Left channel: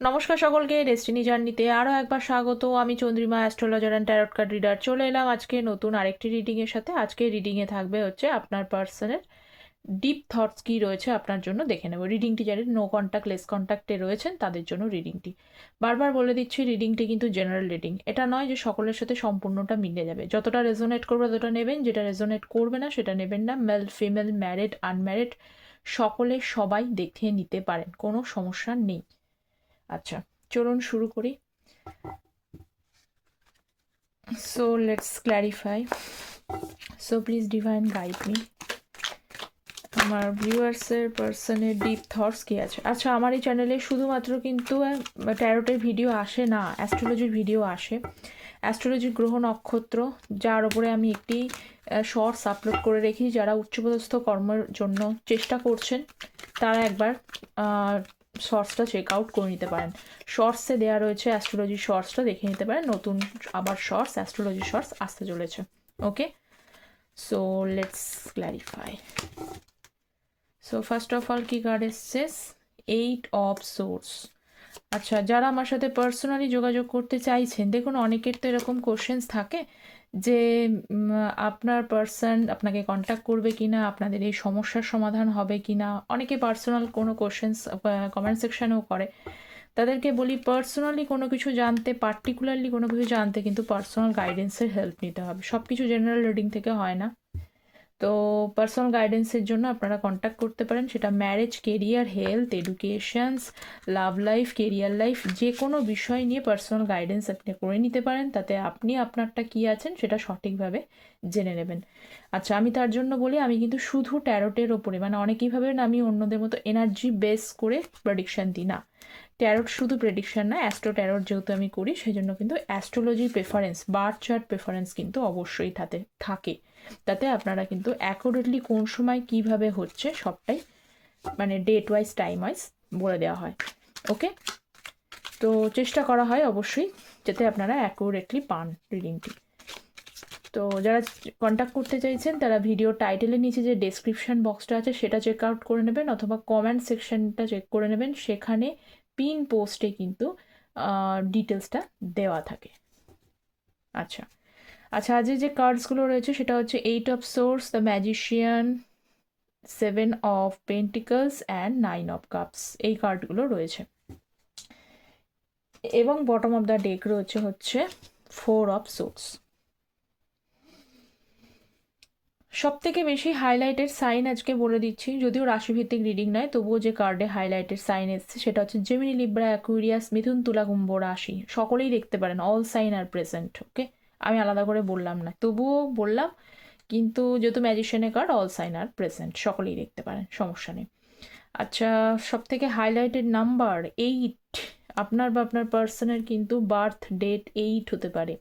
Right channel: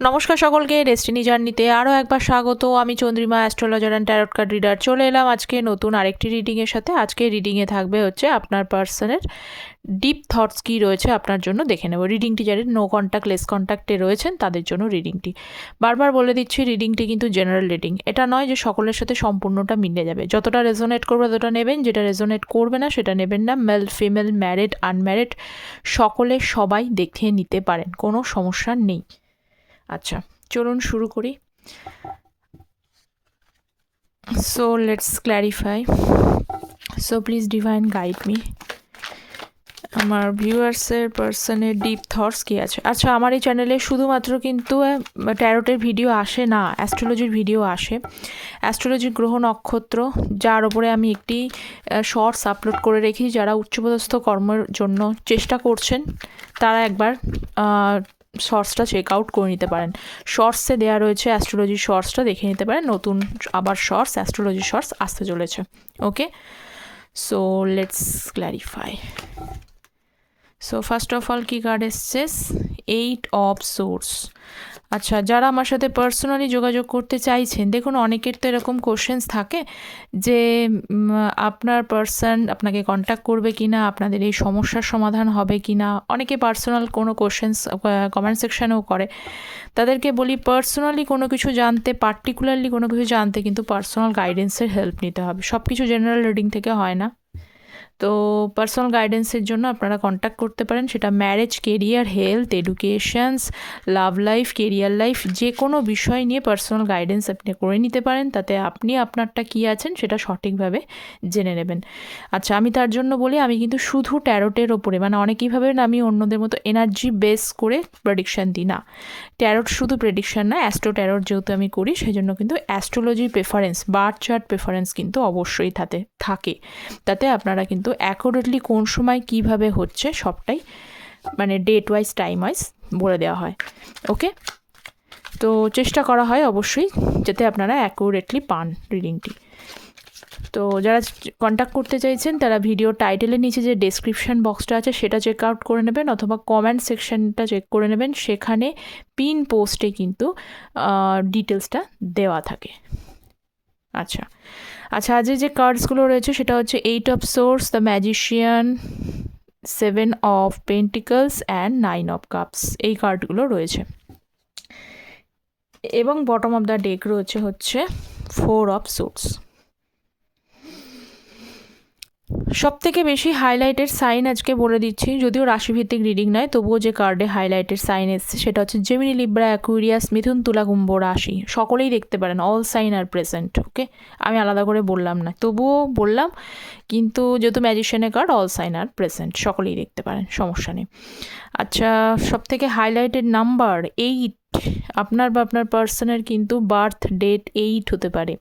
নমস্কার সকলকে, ডেস্টিনি জার্নিতে আরও একবার স্বাগত। আমি Chandrima, astrologer and tarot card reader. চলে এলাম আজকে নতুন আরেকটি রিডিংয়ের সাথে। আজকে রিডিংয়ে থাকবে হচ্ছে আপনার পার্সনের ডিপ থটস কী রয়েছে আপনার জন্য দেখে নেব। রিডিংটি যাদের নো কন্ট্যাক্ট লেস কন্ট্যাক্টে রয়েছেন তাদের জন্য রিডিংটি। বারবার বলে দিচ্ছি, রিডিংটি কিন্তু জেনারেল রিডিং। এটা নয় যে সকলের সাথে সম্পূর্ণটা মিলে যাবে। যতটা রেজোনেট করবে ততটা নেবেন, যেটা রেজোনেট করবে না সেটা নেবেন না। মেল ফিমেল, ম্যারিড আনম্যারিড, সকলে সবাই দেখে নিতে পারেন, কোনো সমস্যা নেই। আচ্ছা, চলুন শুরু করি। So let's clarify. So please divine guide me. আমার ভিউয়ার্সের পার্সনের ডিপ থটস কী আছে। আচ্ছা, আমার এই চ্যানেলে শুধুমাত্র কিন্তু ট্যারোটের ভিডিও আসে না, অ্যাস্ট্রোলজির ভিডিও আসে। অ্যাস্ট্রোলজির গ্রহ নক্ষত্র, যার ওপরে আমি একটি শর্টস আপলোড করে রেখেছি। যারা উচ্চপদস্থ কর্মের জন্য চেষ্টা করছেন তারা একবার শর্টসটা চেক আউট করে নিতে পারেন। শর্টসে দেওয়া রয়েছে, অ্যাস্ট্রোলজির শর্টসটা দেখে নিতে পারেন। নতুন আবার শর্টস, অ্যাস্ট্রোলজির শর্টস আসতে চলেছে। Okay, so let's clarify. So first of all কি কার্ড এসছে? 8 অফ সোর্স। আচ্ছা, যারা আমার সাথে পার্সোনালি যোগাযোগ করতে চাইছেন, দেখুন অনেকের তো এরকম কোশ্চেন্স থাকে যে আপনার পার্সন আপনাকে কন্ট্যাক্ট করবে কি না, আপনাদের এই সমস্যার সমাধান হবে কি না। অনেকে পার্সোনাল কোনো কোশ্চেন্স কমেন্ট সেকশানেও করে। তাদেরকে বলি, পার্সোনালি কোনো কিছু জানতে, পার্টিকুলারলি কোনো কিছু জানতে কিন্তু পার্সোনাল গাইডেন্সের হেল্প নিতে হবে। সব কিছু জেনারেল রিডিং থেকে হয় না। তো পার্সোনাল গাইডেন্সের জন্য আপনারা কন্ট্যাক্ট করতে পারেন। সেটা marriage, career, health, educations, love life, career life, যে কোনো বিষয় নিয়ে পার্সোনাল গাইডেন্স আপনি করে নিতে পারেন। তাতে আপনি আপনারটা কী আছেন সেটা সঠিকভাবে জেনে নেবেন। আচ্ছা, আমি তার জন্য বলি, আমি কিন্তু শুধু ট্যারোটের ওপরে, মানে অনেকেই ভাবেন আমি অন্যদের মতো এনার্জি বেস করে প্রেডিকশান দিই না। ট্যারোট শুধু প্রেডিকশান না, অ্যাস্ট্রো ট্যারোট যেহেতু আমি করি সেই জন্য কিন্তু অ্যাস্ট্রোলজির প্রেফারেন্স, বার্থ চার্ট প্রেফারেন্স কিন্তু অবশ্যই থাকে। তাতে আপনারা কিন্তু অ্যাকুরেটলি কোন সময় কিভাবে হচ্ছে সবটাই, মানে ডেট ওয়াইজ, টাইম ওয়াইজ বলে দেওয়া হয়। ওকে, তো চেষ্টা করা হয় অবশ্যই যাতে আপনারা অ্যাকুরেটলি পান রিডিংটি। তো যারা কন্ট্যাক্ট করতে চাইছেন তারা ভিডিও টাইটেলের নিচে যে ডেসক্রিপশান বক্সটা আছে সেটা চেক আউট করে নেবেন, অথবা কমেন্ট সেকশনটা চেক করে নেবেন। সেখানে পিন পোস্টে কিন্তু ডিটেলসটা দেওয়া থাকে। আচ্ছা, আজকে যে কার্ডসগুলো রয়েছে সেটা হচ্ছে 8 of swords, the magician, 7 of pentacles and 9 of cups. এই কার্ডগুলো রয়েছে। এবং বটম অফ দ্য ডেক রয়েছে হচ্ছে 4 অফ সোর্স। সব থেকে বেশি হাইলাইটেড সাইন আজকে বলে দিচ্ছি, যদিও রাশিভিত্তিক রিডিং নয়, তবুও যে কার্ডে হাইলাইটেড সাইন এসছে সেটা হচ্ছে জেমিনি, লিব্রা, অ্যাকুয়ারিয়াস, মিথুন, তুলা, কুম্ভ রাশি। সকলেই দেখতে পারেন, অল সাইন আর প্রেজেন্ট। ওকে, আমি আলাদা করে বললাম না, তবুও বললাম। কিন্তু যেহেতু ম্যাজিশিয়ানের কার্ড, অল সাইন আর প্রেজেন্ট, সকলেই দেখতে পারেন, সমস্যা নেই। আচ্ছা, সব থেকে হাইলাইটেড নাম্বার 8। আপনার বা আপনার পার্সনের কিন্তু বার্থ ডেট 8 হতে পারে।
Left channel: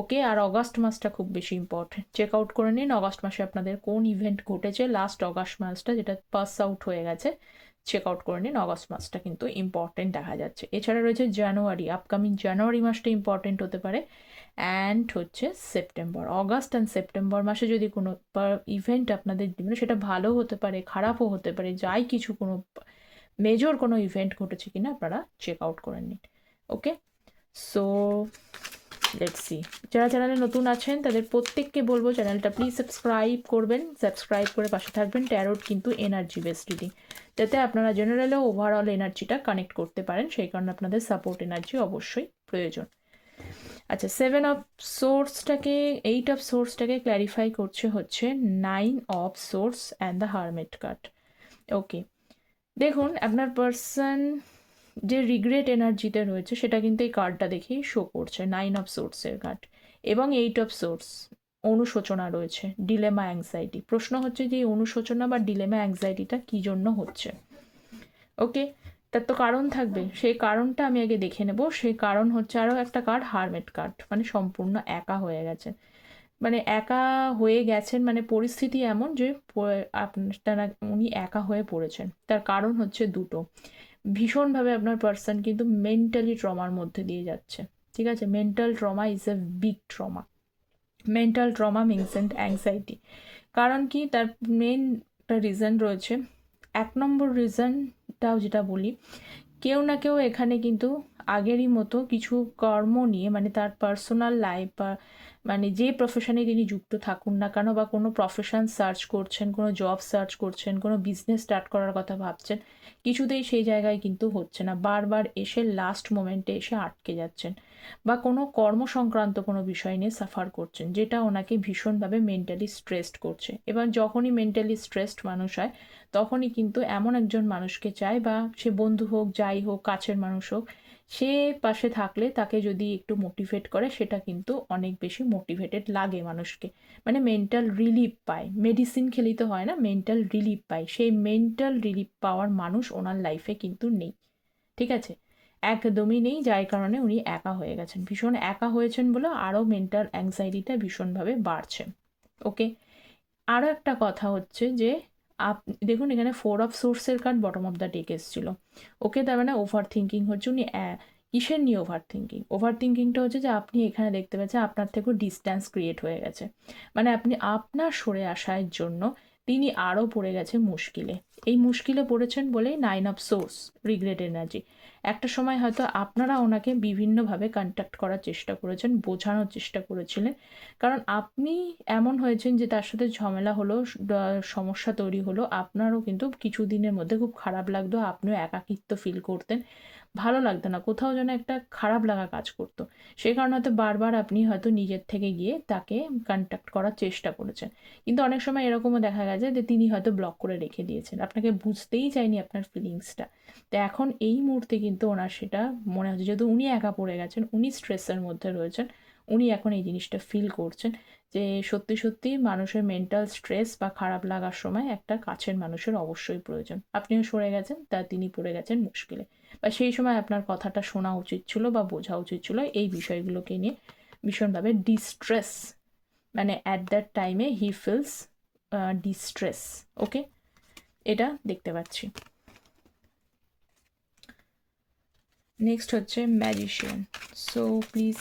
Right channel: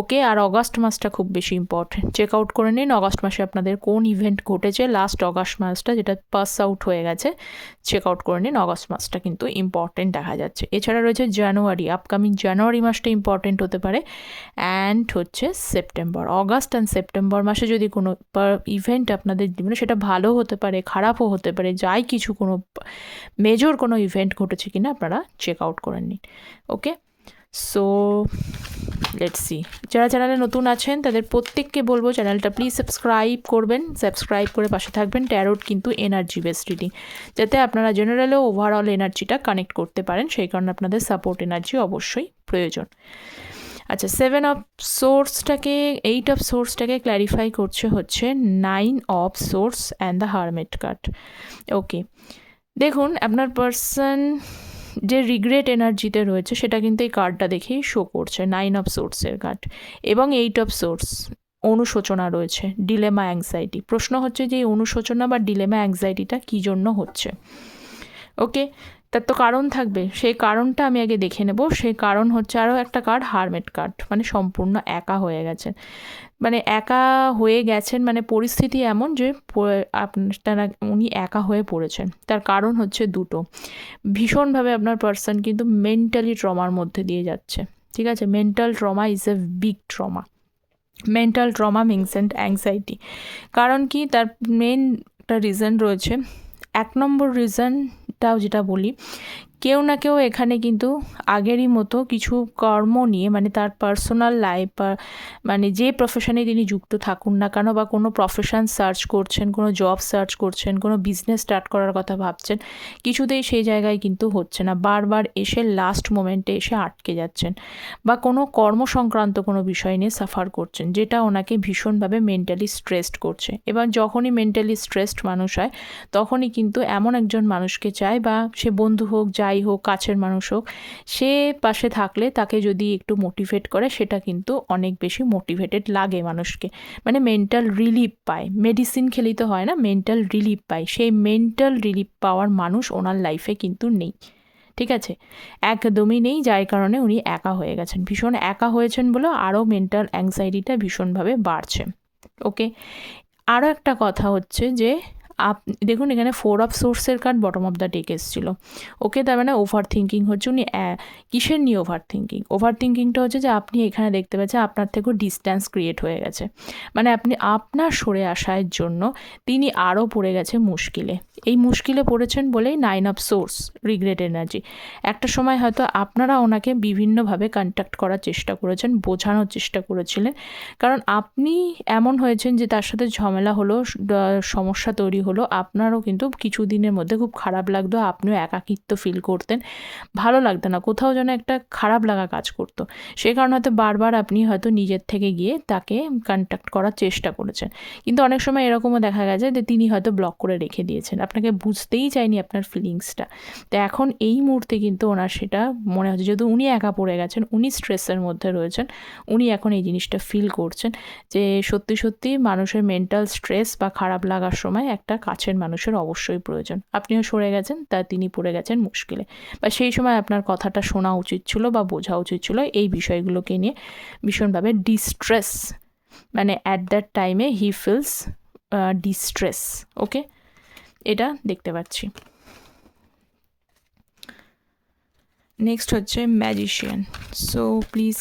ওকে, আর অগাস্ট মাসটা খুব বেশি ইম্পর্টেন্ট। চেক আউট করে নিন অগাস্ট মাসে আপনাদের কোন ইভেন্ট ঘটেছে। লাস্ট অগাস্ট মাসটা যেটা পাস আউট হয়ে গেছে, চেক আউট করে নিন। অগাস্ট মাসটা কিন্তু ইম্পর্টেন্ট দেখা যাচ্ছে। এছাড়া রয়েছে জানুয়ারি, আপকামিং জানুয়ারি মাসটা ইম্পর্টেন্ট হতে পারে। অ্যান্ড হচ্ছে সেপ্টেম্বর। অগাস্ট অ্যান্ড সেপ্টেম্বর মাসে যদি কোনো ইভেন্ট আপনাদের জীবনে, সেটা ভালো হতে পারে, খারাপও হতে পারে, যাই কিছু, কোনো মেজর কোনো ইভেন্ট ঘটেছে কিনা আপনারা চেক আউট করে নিন। ওকে, সো লেটস সি। যারা চ্যানেলে নতুন আছেন তাদের প্রত্যেককে বলবো চ্যানেলটা প্লিজ সাবস্ক্রাইব করবেন। সাবস্ক্রাইব করে পাশে থাকবেন। ট্যারোট কিন্তু এনার্জি বেসড রিডিং, যাতে আপনারা জেনারেলেও ওভারঅল এনার্জিটা কানেক্ট করতে পারেন। সেই কারণে আপনাদের সাপোর্ট এনার্জি অবশ্যই প্রয়োজন। আচ্ছা, 7 অফ সোর্সটাকে, 8 অফ সোর্সটাকে ক্ল্যারিফাই করছে হচ্ছে 9 of source and the hermit card. Okay, দেখুন আপনার পার্সন যে রিগ্রেট এনার্জিতে রয়েছে সেটা কিন্তু এই কার্ডটা দেখেই শো করছে। 9 অফ সোর্সের কার্ড এবং 8 অফ সোর্স, অনুশোচনা রয়েছে, ডিলেমা, অ্যাংজাইটি। প্রশ্ন হচ্ছে যে এই অনুশোচনা বা ডিলেমা, অ্যাংজাইটিটা কী জন্য হচ্ছে। ওকে, তার তো কারণ থাকবে, সেই কারণটা আমি আগে দেখে নেব। সেই কারণ হচ্ছে আরও একটা কার্ড, হারমেট কার্ড, মানে সম্পূর্ণ একা হয়ে গেছেন। মানে একা হয়ে গেছেন, মানে পরিস্থিতি এমন যে আপনারা, উনি একা হয়ে পড়েছেন। তার কারণ হচ্ছে দুটো। ভীষণভাবে আপনার পার্সন কিন্তু মেন্টালি ট্রমার মধ্যে দিয়ে যাচ্ছে। ঠিক আছে, mental trauma is a big trauma. Mental trauma means and anxiety. কারণ কি, তার মেন একটা রিজন রয়েছে। 1 নম্বর রিজনটাও যেটা বলি, কেউ না কেউ এখানে কিন্তু আগেরই মতো কিছু কর্ম নিয়ে, মানে তার পার্সোনাল লাইফ বা মানে যে প্রফেশনে তিনি যুক্ত থাকুন না কেন, বা কোনো প্রফেশন সার্চ করছেন, কোনো জব সার্চ করছেন, কোনো বিজনেস স্টার্ট করার কথা ভাবছেন, কিছুতেই সেই জায়গায় কিন্তু হচ্ছে না। বারবার এসে লাস্ট মোমেন্টে এসে আটকে যাচ্ছেন, বা কোনো কর্ম সংক্রান্ত কোনো বিষয় নিয়ে সাফার করছেন, যেটা ওনাকে ভীষণভাবে মেন্টালি স্ট্রেসড করছে। এবার যখনই মেন্টালি স্ট্রেসড মানুষ হয়, তখনই কিন্তু এমন একজন মানুষকে চায়, বা সে বন্ধু হোক, যাই হোক, কাছের মানুষ হোক, সে পাশে থাকলে তাকে যদি একটু মোটিভেট করে, সেটা কিন্তু অনেক বেশি মোটিভেটেড লাগে মানুষকে, মানে মেন্টাল রিলিফ পায়। মেডিসিন খেলেই তো হয় না, মেন্টাল রিলিফ পায়। সেই মেন্টাল রিলিফ পাওয়ার মানুষ ওনার লাইফে কিন্তু নেই, ঠিক আছে, একদমই নেই। যার কারণে উনি একা হয়ে গেছেন, ভীষণ একা হয়েছেন বলে আরও মেন্টাল অ্যাংজাইটিটা ভীষণভাবে বাড়ছে। ওকে, আরও একটা কথা হচ্ছে যে দেখুন এখানে 4 অফ সোর্সের card bottom of the deck এসেছিলো। ওকে, তার মানে ওভার থিঙ্কিং হচ্ছে। উনি কিসের নিয়ে ওভার থিঙ্কিং? ওভার থিঙ্কিংটা হচ্ছে যে আপনি এখানে দেখতে পাচ্ছেন আপনার থেকেও ডিস্ট্যান্স ক্রিয়েট হয়ে গেছে, মানে আপনি আপনার সরে আসার জন্য তিনি আরও পড়ে গেছে মুশকিলে। এই মুশকিলে পড়েছেন বলেই 9 অফ সোর্স, রিগ্রেট এনার্জি। একটা সময় হয়তো আপনারা ওনাকে বিভিন্নভাবে কন্ট্যাক্ট করার চেষ্টা করেছেন, বোঝানোর চেষ্টা করেছিলেন, কারণ আপনি এমন হয়েছেন যে তার সাথে ঝামেলা হলো, সমস্যা তৈরি হলো, আপনারও কিন্তু কিছু দিনের মধ্যে খুব খারাপ লাগতো, আপনিও একাকিত্ব ফিল করতেন, ভালো লাগতো না, কোথাও যেন একটা খারাপ লাগা কাজ করতো। সে কারণে হয়তো বারবার আপনি হয়তো নিজের থেকে গিয়ে তাকে কন্ট্যাক্ট করার চেষ্টা করেছেন, কিন্তু অনেক সময় এরকমও দেখা গেছে যে তিনি হয়তো ব্লক করে রেখে দিয়েছেন, আপনাকে বুঝতেই চাইনি আপনার ফিলিংসটা। তো এখন এই মুহূর্তে কিন্তু ওনার সেটা মনে হচ্ছে, যেহেতু উনি একা পড়ে গেছেন, উনি স্ট্রেসের মধ্যে রয়েছেন, উনি এখন এই জিনিসটা ফিল করছেন যে সত্যি সত্যি মানুষের মেন্টাল স্ট্রেস বা খারাপ লাগার সময় একটা কাছের মানুষের অবশ্যই প্রয়োজন। আপনিও সরে গেছেন, তা তিনি পড়ে গেছেন মুশকিলে, বা সেই সময় আপনার কথাটা শোনা উচিত ছিল বা বোঝা উচিত ছিল। এই বিষয়গুলোকে নিয়ে ভীষণভাবে ডিস্ট্রেস, মানে অ্যাট দ্যাট টাইমে হি ফিলস ডিস্ট্রেস। ওকে, এটা দেখতে পাচ্ছি। নেক্সট হচ্ছে magician. So please,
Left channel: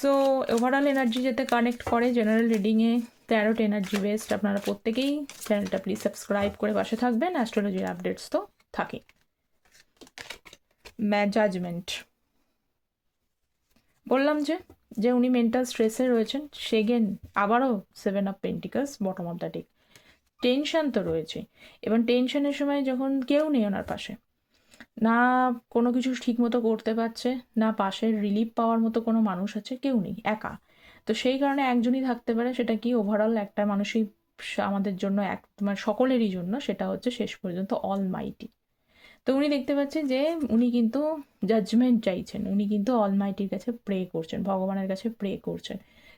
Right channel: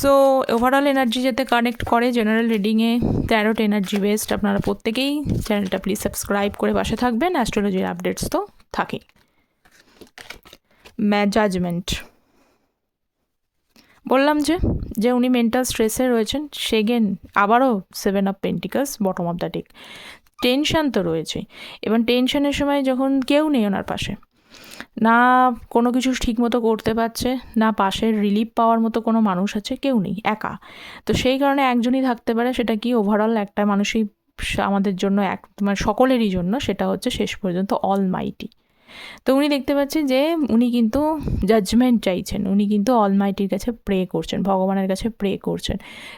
so overall energy যাতে কানেক্ট করে জেনারেল রিডিংয়ে, ট্যারোট এনার্জি বেসড, আপনারা প্রত্যেকেই চ্যানেলটা প্লিজ সাবস্ক্রাইব করে পাশে থাকবেন। অ্যাস্ট্রোলজির আপডেটস তো থাকে। জাজমেন্ট, বললাম যে উনি মেন্টাল স্ট্রেসে রয়েছেন। সেগেন আবারও 7 of pentacles bottom of the deck. Tension তো রয়েছে, এবং টেনশনের সময় যখন কেউ নেই ওনার পাশে, না কোনো কিছু ঠিকমতো করতে পারছে, না পাশের রিলিফ পাওয়ার মতো কোনো মানুষ আছে, কেউ নেই, একা। তো সেই কারণে একজনই থাকতে পারে, সেটা কি ওভারঅল একটা মানুষই আমাদের জন্য মানে সকলেরই জন্য, সেটা হচ্ছে শেষ পর্যন্ত অলমাইটি। তো উনি দেখতে পাচ্ছি যে উনি কিন্তু জাজমেন্ট চাইছেন, উনি কিন্তু অলমাইটির কাছে প্রে করছেন, ভগবানের কাছে প্রে করছেন,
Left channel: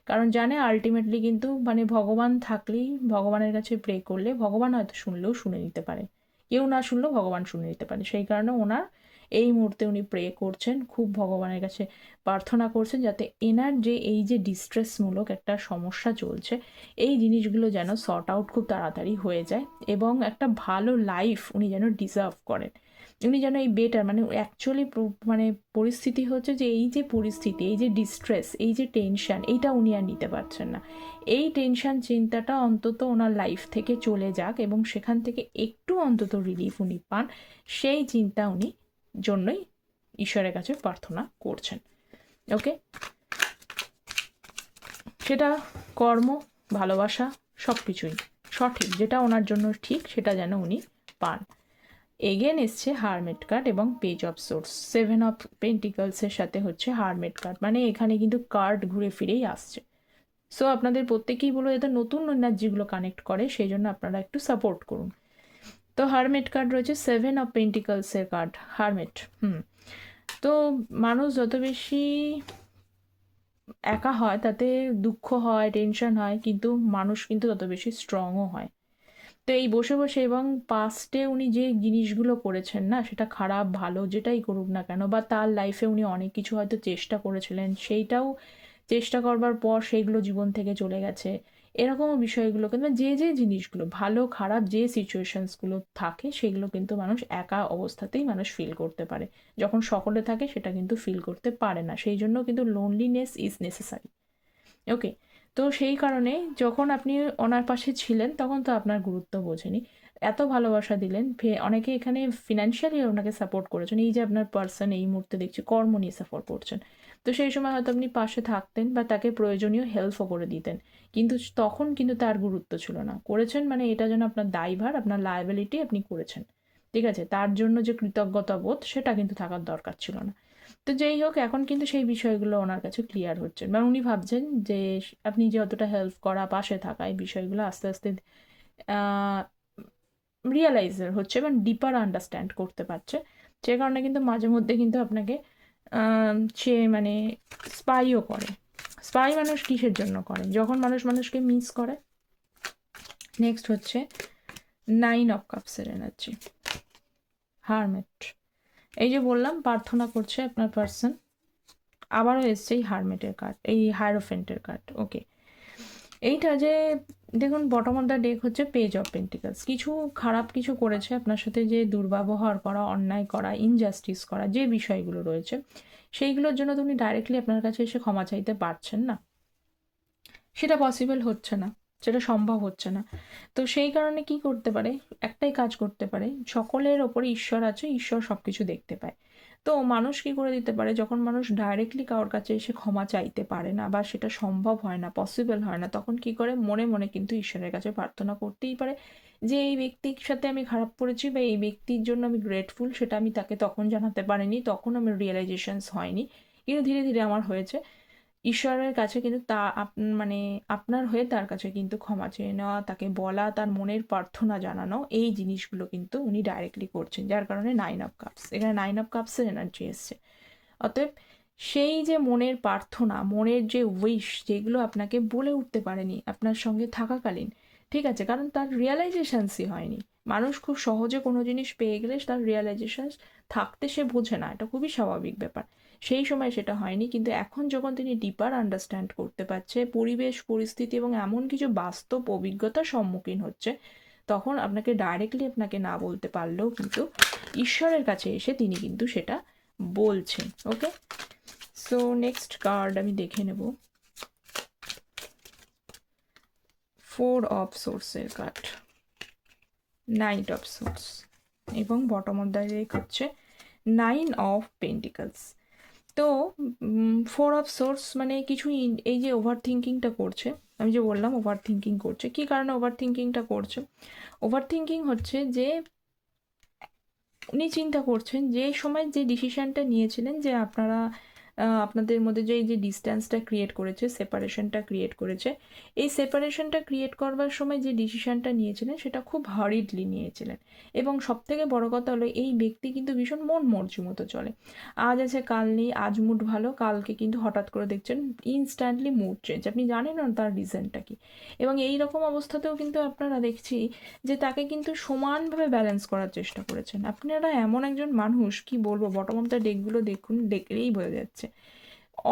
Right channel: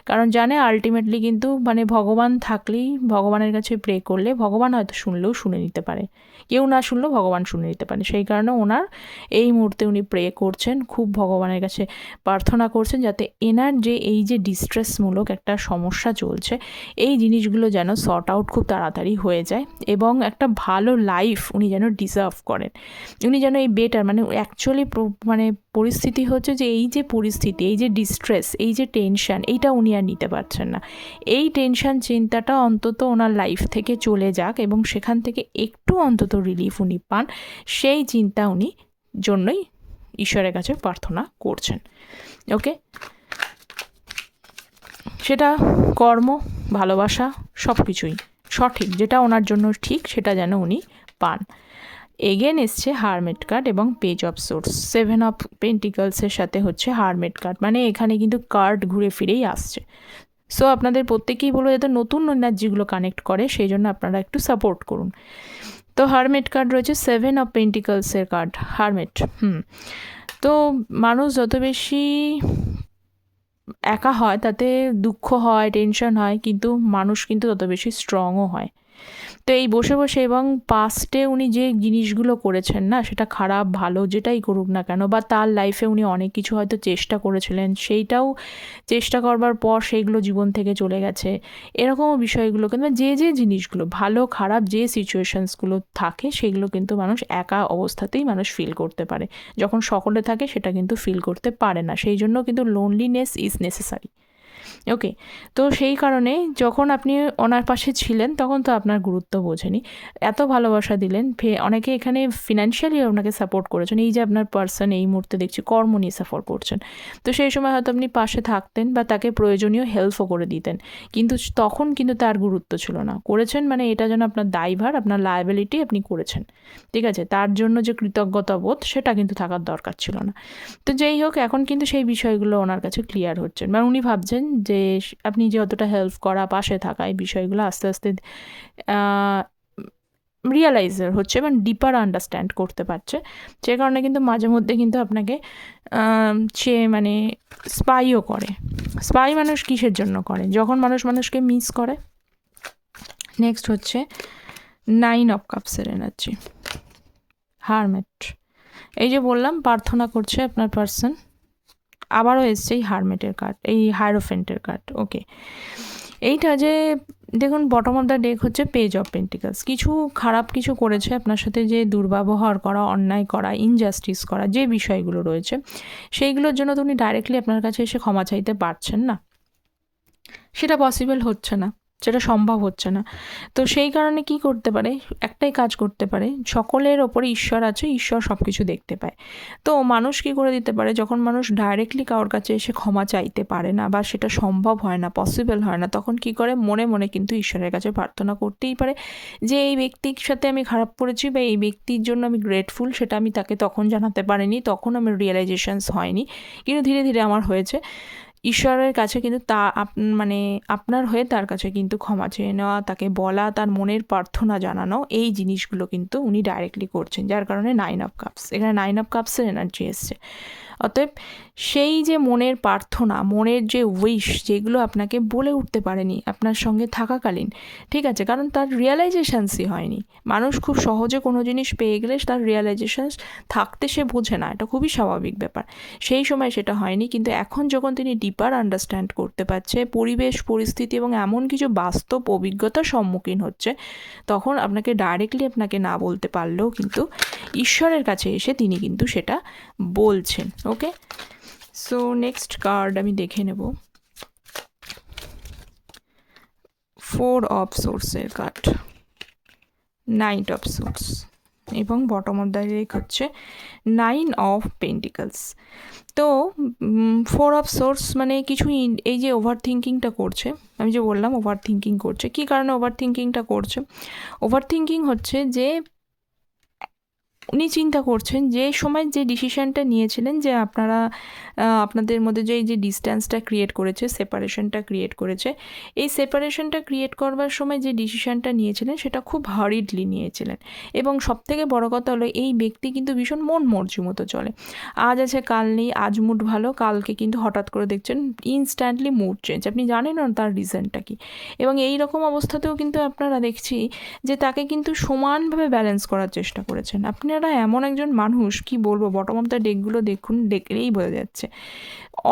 কারণ জানে আলটিমেটলি কিন্তু মানে ভগবান থাকলেই, ভগবানের কাছে প্রে করলে ভগবান হয়তো শুনলেও শুনে নিতে পারে, কেউ না শুনলেও ভগবান শুনে নিতে পারে। সেই কারণে ওনার এই মুহূর্তে উনি প্রে করছেন, খুব ভগবানের কাছে প্রার্থনা করছেন, যাতে এনার যে এই যে ডিস্ট্রেসমূলক একটা সমস্যা চলছে, এই জিনিসগুলো যেন সর্ট আউট খুব তাড়াতাড়ি হয়ে যায়, এবং একটা ভালো লাইফ উনি যেন ডিজার্ভ করেন। উনি যেন এই বেটার, মানে অ্যাকচুয়ালি মানে পরিস্থিতি হচ্ছে যে এই যে পরিস্থিতি, এই যে ডিস্ট্রেস, এই যে টেনশান, এইটা উনি আর নিতে পারছেন না। এই টেনশান চিন্তাটা অন্তত ওনার লাইফ থেকে চলে যাক, এবং সেখান থেকে একটু অন্তত রিলিফ উনি পান, সেই চিন্তা উনি জন্যই ঈশ্বরের কাছে প্রার্থনা করছেন। ওকে, সেটা কর্ম, ভালোবাসা, সব কিছুই সঠিক, যেটা ওনার জন্য ঠিক সেটা যেন উনি পান। এগেন এসছে হারমেট কার্ড এবং পেজ অফ সোর্স। 7 অফ পেন্টিকলসের সাথে হচ্ছে হারমেট কার্ড, মানে এখানে কিন্তু কার্ড ঘুরে ফিরেই আসছে। সো আপনাদের প্রত্যেকেই বলো যাতে নতুন এনার্জিগুলো কানেক্ট করে, সেই জন্য আপনারা একটু সাপোর্ট করুন। তো হারমেট কার্ড রয়েছে, 7 অফ পেন্টিকলসের কার্ড, হারমেট। তো মানুষ যত বেশি একা হয়, তাতে দুঃখ হয়, টেনশন হয়, কিন্তু মানুষ কিন্তু তত বেশি স্ট্রংও হয়। তো এই বসে বসে, এবং পাস্টে উনি যে জিনিসগুলো করেছেন না, সেটা খারাপ ভালো যেটাই করুক না কেন, বা তার লাইফে উনি অনেক কিছু হয়তো চেষ্টা করেছিলেন, সেইটাও চেষ্টা করবার পর সেইগুলো জীবন থেকে চলে গেছে, এরকমও বিষয়গুলো কিন্তু যে জিনিসগুলো ভালো খারাপ যে সিচুয়েশানসগুলো থাকে, সেগুলো কিন্তু মানুষ একা অবস্থাতেই মানুষ ফিল করতে পারে, যখন সকলে থাকে সেটা কিন্তু ফিল করতে পারে না। সেই জন্য কিন্তু লোনলিনেস ইজ নেসেসারি। ওকে, তো সেই কারণে যখন আপনি ওনার পাশে ছিলেন তখন তো আপনার গুরুত্ব বোঝেনি, এত ভালোবাসা দিলেন, অনেকে এখানে ফিনান্সিয়ালি আপনাকে সাপোর্ট করেছেন, এই যে আপনার পার্সন এই মুহূর্তে দেখছি কর্ম নিয়ে সাপোর্ট করছেন, তো সেই সময় হয়তো আপনি পাশে থাকতেন বা তাকে প্রয়োজনীয় হেল্পও করে দিতেন, কিন্তু তখন কিন্তু তার গুরুত্ব ছিল না, করেছেন মানে এটা যেন আপনার দায়ভার, আপনার লায়াবিলিটি, আপনি করেছেন, ঠিক আছে, তার জন্য যে কৃতজ্ঞতা বোধ সেটা কিন্তু থাকার দরকার ছিল না। তো যেই হোক, এখন কিন্তু সেই বিষয়গুলো ওনার কাছে ক্লিয়ার হচ্ছে, মানে উনি ভাবছেন যে আপনি যে অতটা হেল্প করা, পাশে থাকা, এই বিষয়গুলো আস্তে আস্তে রিয়েলাইজার হচ্ছে এবং ডিপার আন্ডারস্ট্যান্ড করতে পারছে, যে কারণে কিন্তু মাঝে মধ্যে কিন্তু আপনাকে সে মানে স্পাইও করে। স্পাই মানুষ কিসের জন্য করে? যখন মানুষ মানুষকে মিস করে। নেক্সট হচ্ছে 9 অফ কাপসের এনার্জি, হারমেট। এই যে বললাম প্রার্থনা করছে আপনার পার্সন, আবারও এসছে এই হারমেটের কার্ড, এই হায়ারোফেন্টের কার্ড। ওকে, এইটা যে দেখুন বটম অফ দ্য ডেক হচ্ছে পেজ অফ পেন্টিকলস, কিছু খারাপ কিছু করেছে আপনার সাথে, যে দুর্ব্যবহার করা, অন্যায় করা, ইনজাস্টিস করা, যে বিষয়গুলো রয়েছে সেইগুলোর জন্য তো উনি ডাইরেক্টলি আপনার কাছে এসে ক্ষমা চাইতে পারছেন না, সেটা পসিবল হচ্ছে না, সেটা সম্ভব হচ্ছে না। তো সেই কারণে কি করতে পারে, একটাই কাজ করতে পারে, সকলের ওপরে ঈশ্বর আছে, ঈশ্বর সব কিছু দেখতে পায়। তো মানুষ কি করে দিতে পারে, যখন মানুষ ডাইরেক্টলি কারোর কাছে এসে ক্ষমা চাইতে পারে না বা সেটা সম্ভব হয় না, পসিবল হয় না, তখন কি করে মনে মনে কিন্তু ঈশ্বরের কাছে প্রার্থনা করতেই পারে যে এই ব্যক্তির সাথে আমি খারাপ করেছি বা এই ব্যক্তির জন্য আমি গ্রেটফুল, সেটা আমি তাকে তখন জানাতে পারিনি, তখন আমার রিয়েলাইজেশনস হয়নি, কিন্তু ধীরে ধীরে আমার হয়েছে। ঈশ্বরের কাছে কিন্তু মানে আপনার হয়ে তার কাছে কিন্তু ক্ষমা চেয়ে নেওয়া, তাকে বলা, তার মনের প্রার্থনা জানানো, এই জিনিসগুলো কিন্তু উনি ডাইরেক্টলি করছেন, যার কারণে 9 অফ কাপস, এখানে 9 অফ কাপসের এনার্জি এসছে। অতএব সেই যে মনের প্রার্থনা, মনের যে উইশ, যেগুলো আপনাকে বলে উঠতে পারেনি আপনার সঙ্গে থাকাকালীন, ঠিক আছে, কারণ তার রিয়েলাইজেশনসই হয়নি। মানুষ খুব সহজে কোনো জিনিস পেয়ে গেলে তার রিয়েলাইজেশনস থাকতে সে বোঝে না, এটা খুবই স্বাভাবিক ব্যাপার, সেই সময় সেটা হয়নি, কিন্তু এখন যখন তিনি ডিপার আন্ডারস্ট্যান্ড করতে পারছে পরিবেশ পরিস্থিতি এবং এমন কিছু বাস্তব অভিজ্ঞতার সম্মুখীন হচ্ছে, তখন আপনাকে ডাইরেক্টলি আপনাকে না বলতে পারলেও কিন্তু ঈশ্বরের কাছে এসে তিনি কিন্তু সেটা বলছেন। ওকে, সো নেক্সট কার্ড আমি দেখে নেব, 4 অফ সোর্সের কার্ড, নাইট অফ সোর্স এবং বটম অফ দ্য ডেক হচ্ছে 9 অফ পেন্টিকলস। তো 4 অফ সোর্স মানে কিছু এই যে ওভার থিঙ্কিংটা করছে, আমি যে বললাম ওভার থিঙ্কিং করছে, কী কারণে ওভার থিঙ্কিংটা করছে? ওভার থিঙ্কিং হচ্ছে যে উনি চিন্তা করছেন যে সময় যে ডিসিশানটা নিয়েছিলেন, যে আপনারা আপনাদের মধ্যে যে এই যে ডিস্ট্যান্সটা ক্রিয়েট করেছে, সেপারেশনটা ক্রিয়েট করেছে, এই সেপারেশনটা ক্রিয়েট করবার সময় যে ডিসিশানটা নিয়েছিলেন সেটা খুব হারিডলি নিয়েছিলেন, এবং সবথেকে বড় কথা হলো এই ব্যক্তি কিন্তু ভীষণ মন মর্জি মতো চলে, আজ আছে কাল নেই, আজ মুড ভালো, কালকে কিন্তু হঠাৎ করে দেখছেন ইনস্ট্যান্টলি মুড চেঞ্জ, আপনি জানেন না তার রিজনটা কী, এবং এই রকম অবস্থাতেও কিন্তু আপনারা দেখছি যে তাকে কিন্তু সমানভাবে ব্যালেন্স করার চেষ্টা করেছেন। আপনারা এমন একজন মানুষ, কি বলবো, বটম অফ দ্য ডেকগুলো দেখুন, দেখলেই বোঝা যাচ্ছে,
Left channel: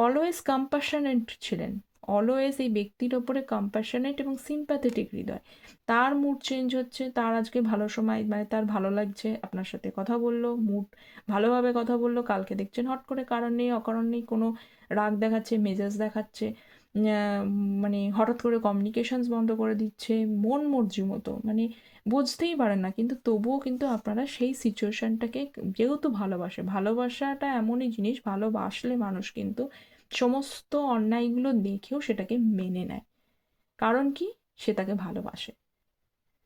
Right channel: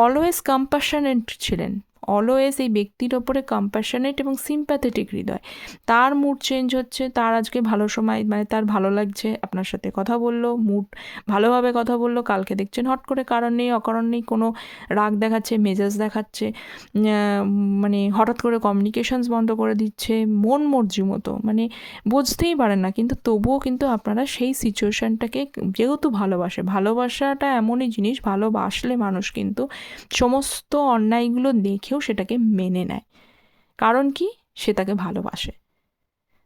অলওয়েজ কম্প্যাশনেট ছিলেন, অলওয়েজ এই ব্যক্তির ওপরে কম্প্যাশনেট এবং সিম্প্যাথেটিক হৃদয়, তার মুড চেঞ্জ হচ্ছে, তার আজকে ভালো সময়, মানে তার ভালো লাগছে, আপনার সাথে কথা বললো, মুড ভালোভাবে কথা বললো, কালকে দেখছেন হট করে কারণ নেই অকারণ নেই কোনো রাগ দেখাচ্ছে, মেজাজ দেখাচ্ছে, মানে হঠাৎ করে কমিউনিকেশনস বন্ধ করে দিচ্ছে, মন মর্জি মতো, মানে বুঝতেই পারেন না, কিন্তু তবুও কিন্তু আপনারা সেই সিচুয়েশানটাকে, যেহেতু ভালোবাসাটা এমনই জিনিস, ভালোবাসলে মানুষ কিন্তু সমস্ত অন্যায়গুলো দেখেও সেটাকে মেনে নেয়, কারণ কি, সে তাকে ভালোবাসে।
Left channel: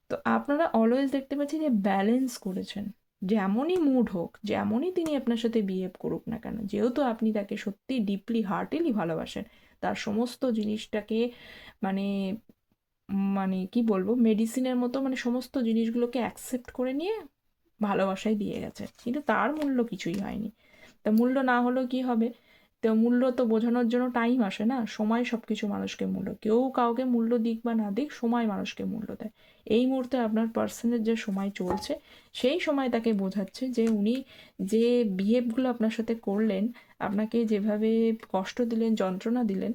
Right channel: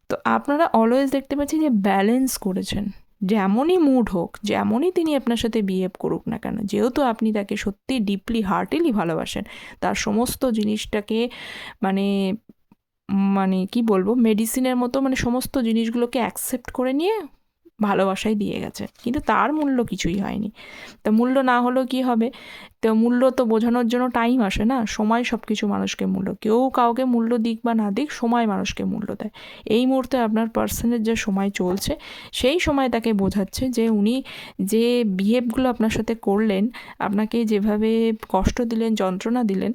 তো আপনারা অলওয়েজ দেখতে পাচ্ছি যে ব্যালেন্স করেছেন, যেমনই মুড হোক, যেমনই তিনি আপনার সাথে বিহেভ করুক না কেন, যেহেতু আপনি তাকে সত্যি ডিপলি হার্টিলি ভালোবাসেন, তার সমস্ত জিনিসটাকে মানে মানে কি বলবো, মেডিসিনের মতো, মানে সমস্ত জিনিসগুলোকে অ্যাকসেপ্ট করে নিয়ে ভালোবাসাই দিয়ে গেছে, কিন্তু তার মূল্য কিছুই হয়নি। তা মূল্য না হলেও কি হবে, তো মূল্য তো বোঝানোর জন্য টাইম আসে না, সময় সব কিছু মানুষকে মূল্য, কেউ কাউকে মূল্য দিক বা না দিক, সময় মানুষকে মূল্য দেয়। এই মুহূর্তে আপনার পার্সনের যে সময় চলছে, সেই সময় তাকে বোঝাচ্ছে যে উনি যে বিহেভগুলো আপনার সাথে করলেন, আপনাকে যেভাবে কষ্ট দিলেন, যন্ত্রণা দিলেন,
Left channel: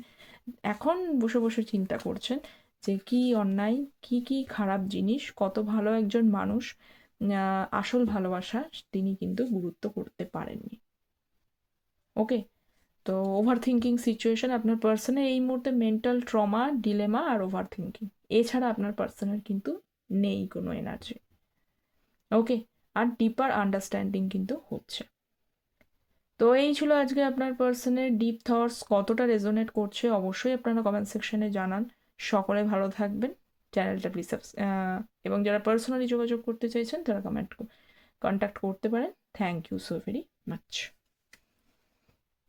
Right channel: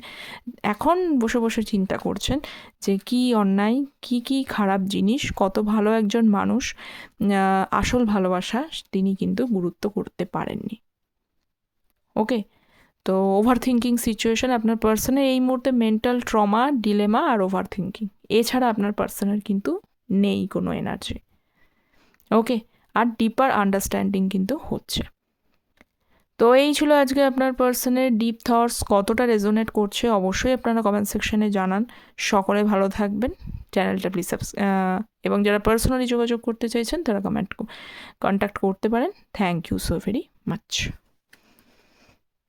এখন বসে বসে চিন্তা করছেন যে কী অন্যায়, কী খারাপ জিনিস, কত ভালো একজন মানুষ, আসল ভালোবাসা তিনি কিন্তু গুরুত্ব করতে পারেননি। ওকে, তো ওভার থিঙ্কিং সিচুয়েশন আপনার পার্সনের এই মুহূর্তে মেন্টাল ট্রমা, ডিলেমা আর ওভার থিঙ্কিং, এছাড়া আপনার পার্সনের কিন্তু নেই কোনো এনার্জি। ওকে, আর ডিপার আন্ডারস্ট্যান্ডিং কিন্তু হচ্ছে। তো এই ছিল আজকে আপনার পার্সনের ডিপ থটস, কতটা রেজোনেট করছে অবশ্যই আপনারা কমেন্ট সেকশনে জানান। সকলে ভালো থাকবেন, চ্যানেলটা প্লিজ এবং যারা পার্সোনালি যোগাযোগ করতে চাইছেন তারা কন্ট্যাক্ট করতে পারেন। Thank you so very much.